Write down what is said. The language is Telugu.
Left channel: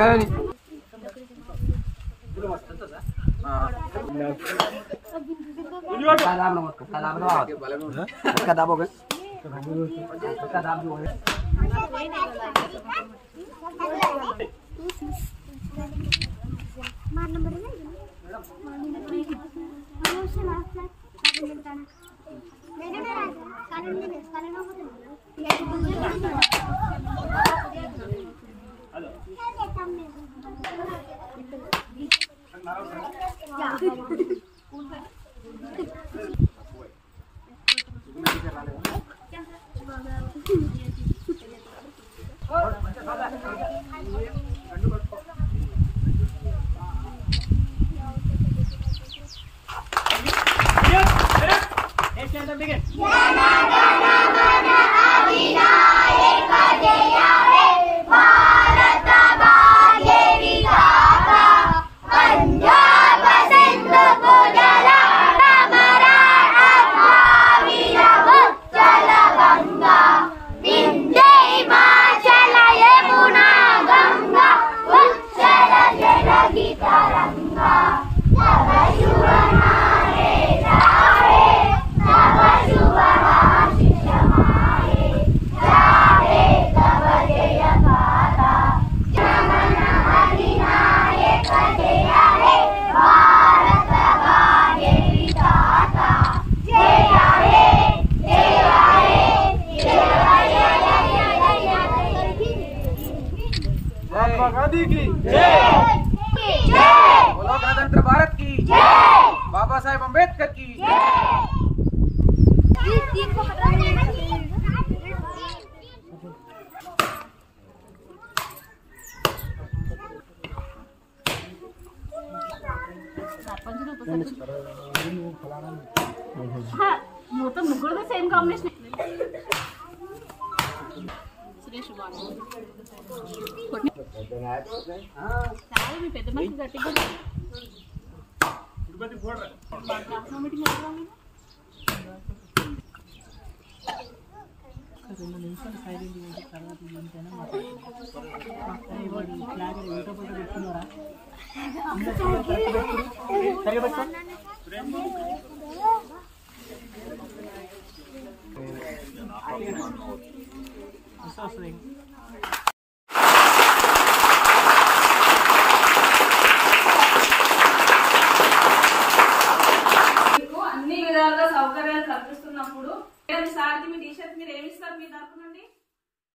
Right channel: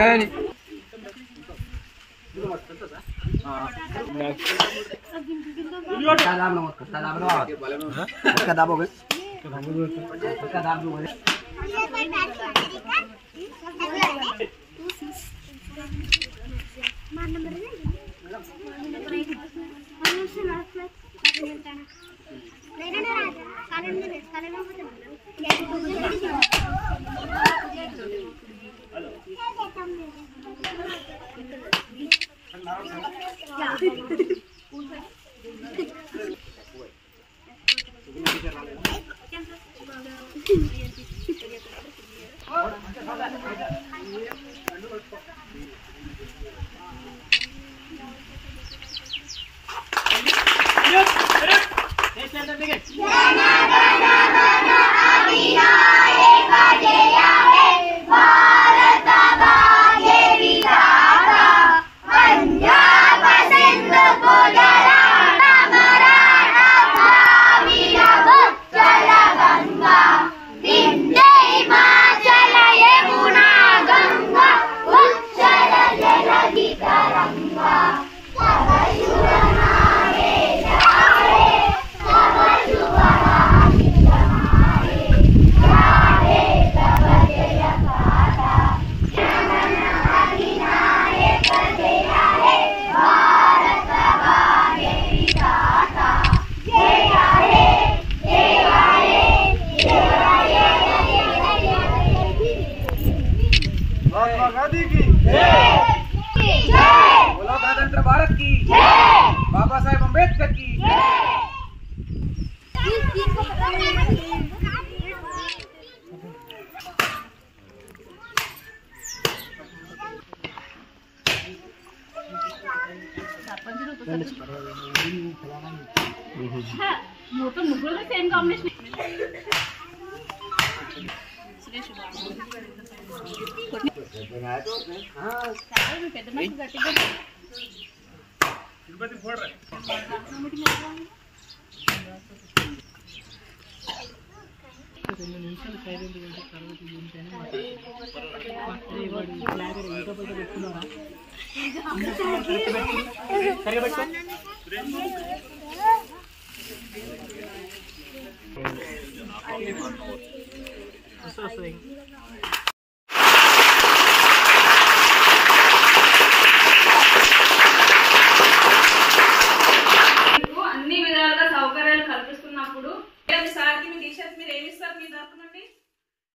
కానీ गणतंत्र भारत की बाबा साहेब अम्बेडकर की మొత్తం ముగ్గురు సేమ్ కాంబినేషన్ పెద్ద మనిషి గట్టిగా రెండు నిమిషాలు సైలెంట్ ఉంటే తర్వాత ఉంటేనే మాట్లాడారు ఇంట్లో పోతే పెట్టుకున్నారా వస్తుంది అన్ని విధాలుగా సౌకర్యాలు కల్పిస్తున్నప్పుడు సార్కి మీ టీచర్స్ మీరు ఏమి ఇస్తారు మీ తరపు నుండి?